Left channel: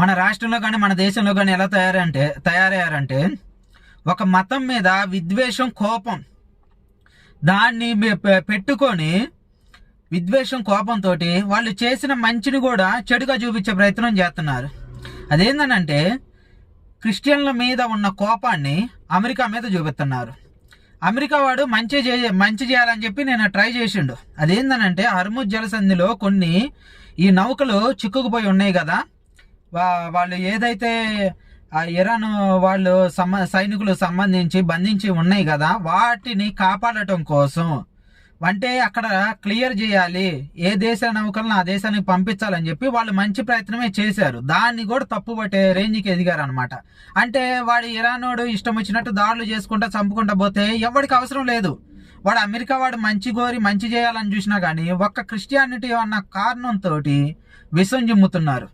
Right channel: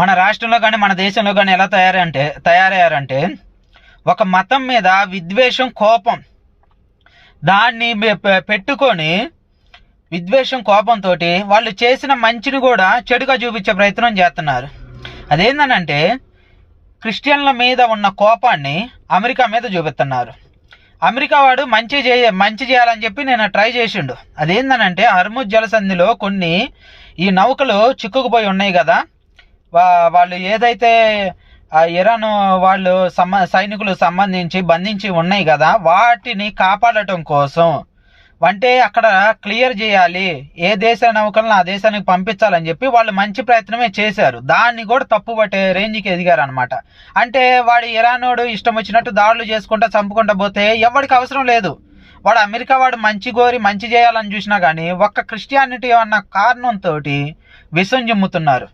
మన రాష్ట్రంలో కానీ మన దేశంలో కానీ ఎలా తయారయ్యారంటే ఒక మతం మీద విద్వేషం, కోపం దాన్ని పెట్టుకొని విద్వేషం, కోపంతో వాళ్ళు చేసిన మంచిని కూడా చెడుగా చూపించే ప్రయత్నం చేస్తున్నారు. అదేంటనంటే క్రిస్టియన్ల మీద ఉన్న కోపాన్ని అమెరికా మీద చూపిస్తున్నారు. అమెరికా వాడు మంచి చేయాలని చెప్పి నేను ట్రై చేసిండు. అదేంటనంటే హర్ముజ్ జలసంధిలో కొన్ని ఈ నౌకలు చిక్కుకుపోయి ఉన్నాయి కదా, వాళ్ళు ఏదైతే ఇరాన్ వాళ్ళు సైనికులు సంబంధించి బంధించి ఉన్నాయి కదా, వాటిని కాపాడటం కోసం అంటే అక్కడ క్లియర్ చేయాలి, ఏ దేశ నౌకలను ఆ దేశానికి పంపించాలని చెప్పి వాళ్ళు మంచి ప్రయత్నమే చేశారు. దాన్ని కూడా తప్పుపట్టే రేంజ్కి ఎదిగారు అనమాట. అంటే వాడు ఇరానోడు ఇష్టం వచ్చినట్టు దాడులు చేసుకుంటా చంపుకుంటా పోతే ఎవరికి అవసరం లేదు. వాడు అమెరికా వాడు మంచి చేయాలని చూసినా కానీ ఒక్క క్రిస్టియానిటీ అన్న కారణంతో విషం జిమ్ముతున్నారు.